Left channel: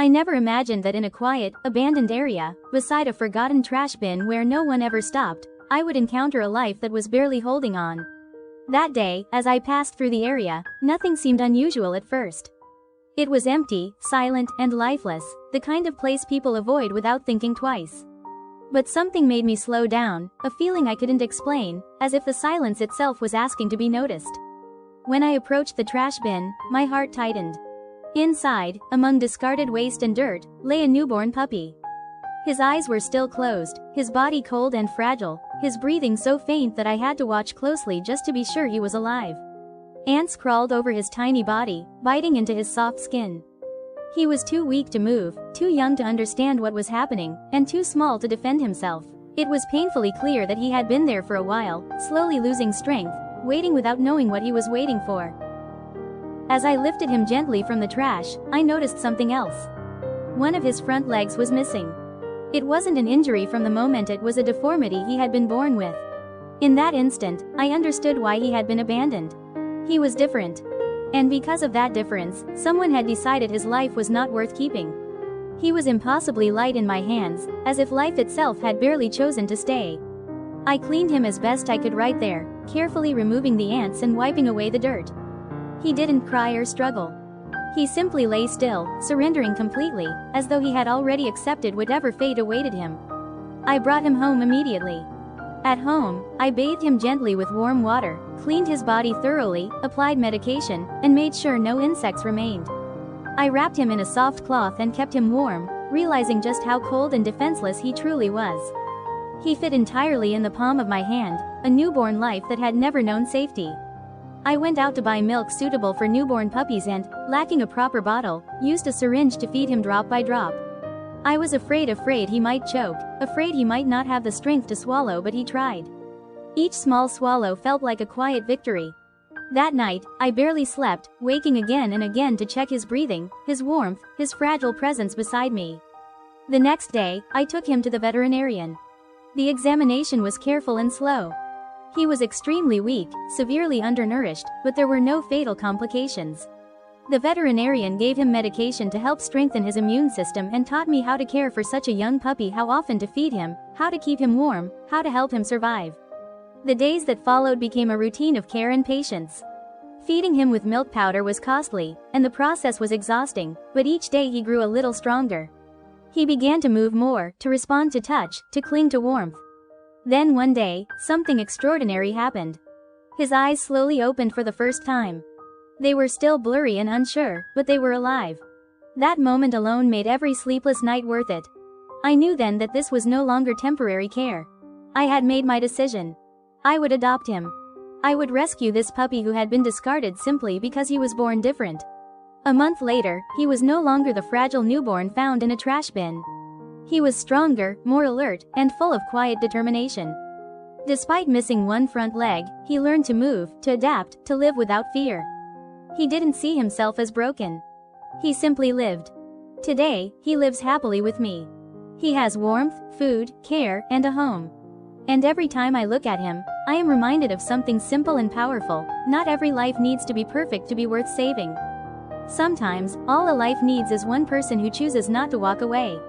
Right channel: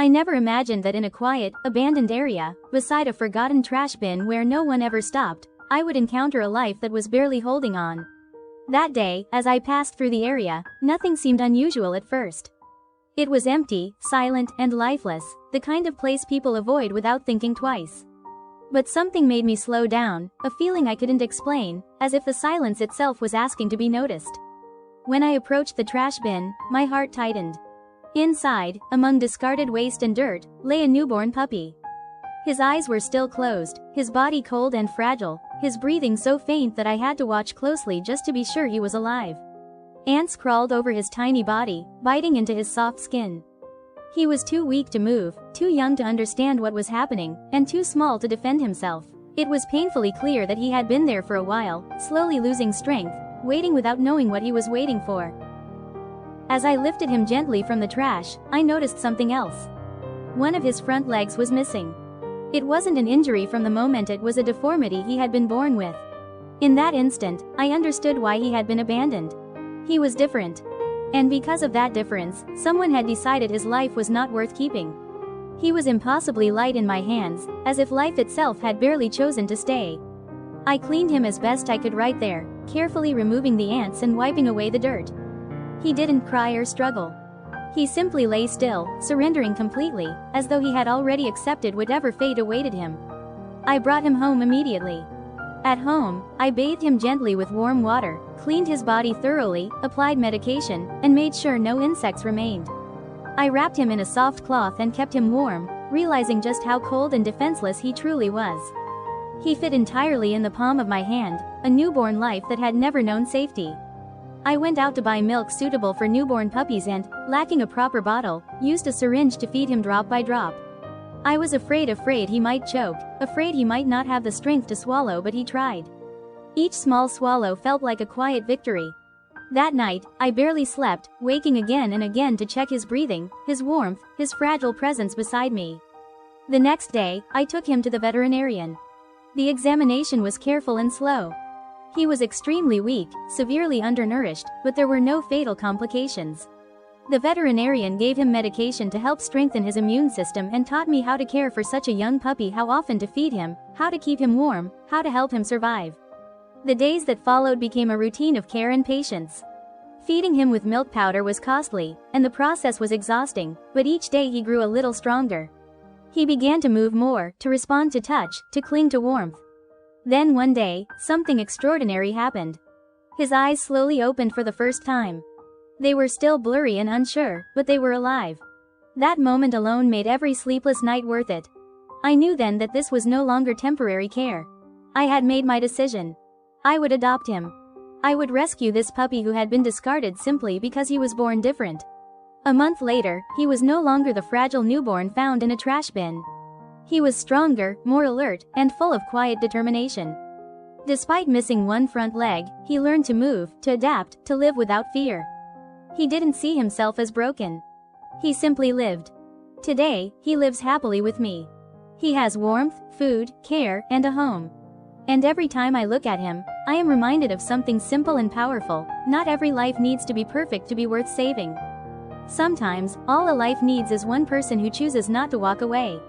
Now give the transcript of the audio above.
I never imagined that in a quiet, abandoned area, beside a forgotten trash bin where no one ever stopped, I would encounter a life that was barely holding on. That day, as I passed through the area, nothing seemed unusual at first. It was empty, silent, and lifeless, the kind of place people avoid without thinking twice. But something made me slow down, a feeling I couldn't explain, as if the silence itself was asking to be noticed. When I approached the trash bin, my heart tightened. Inside, among discarded waste and dirt, lay a newborn puppy. His eyes were still closed, his body cold and fragile, his breathing so faint that I had to watch closely just to be sure he was alive. Ants crawled over his tiny body, biting into his soft skin. He was too weak to move, too young to understand what was happening, and too small to defend himself. It was painfully clear that he had been there for a while, slowly losing strength, waiting without knowing what he was waiting for. As I lifted him gently from the trash, I noticed something else. One of his front legs was missing. It wasn't an injury from the moment, it was a deformity he had been born with. In that instant, I understood why he had been abandoned. He was different. And because of that difference, someone had decided his life was not worth keeping. He was impossibly light in my hands, as if life itself had barely chosen to stay. I cleaned him as best I could right there, carefully removing the ants and wiping away the dirt. He didn't cry or struggle. He simply lay still, surrendering completely, as though he had already accepted whatever fate awaited him. I brought him home immediately. At home, I bathed him gently with warm water, cleaned his body thoroughly, applied medication, and made sure no insects remained. I wrapped him in a soft cloth and kept him warm, realizing just how cold and defenseless he truly was. He fit entirely in the palm of my hand, a newborn life that had never known safety. I went out to buy milk suitable for newborn puppies and, lacking a proper bottle, used a syringe to feed him drop by drop. I was afraid he might choke, afraid he might not have the strength to swallow, but he tried. Each small swallow felt like a quiet victory. That night, I barely slept, waking again and again to check his breathing, his warmth, his fragile presence beside me. The next day, I took him to the veterinarian. The examination was careful and slow. He was extremely weak, severely undernourished, but there were no fatal complications. The veterinarian gave him medication to help strengthen his immune system and taught me how to care for such a young puppy, how often to feed him, how to keep him warm, how to help him survive. The days that followed became a routine of care and patience. Feeding him with milk powder was costly, and the process was exhausting, but each day he grew a little stronger. He began to move more, to respond to touch, to cling to warmth. Then one day, something extraordinary happened. His eyes slowly opened for the first time. They were still blurry and unsure, but they were alive. That moment alone made every sleepless night worth it. I knew then that this was no longer temporary care. I had made my decision. I would adopt him. I would rescue this puppy who had been discarded simply because he was born different. A month later, he was no longer the fragile newborn found in a trash bin. He was stronger, more alert, and full of quiet determination. Despite missing one front leg, he learned to move, to adapt, to live without fear. He didn't see himself as broken. He simply lived. Today, he lives happily with me. He has warmth, food, care, and a home. And every time I look at him, I am reminded of something simple and powerful. Not every life needs to be perfect to be worth saving. Sometimes, all a life needs is one person who chooses not to walk away.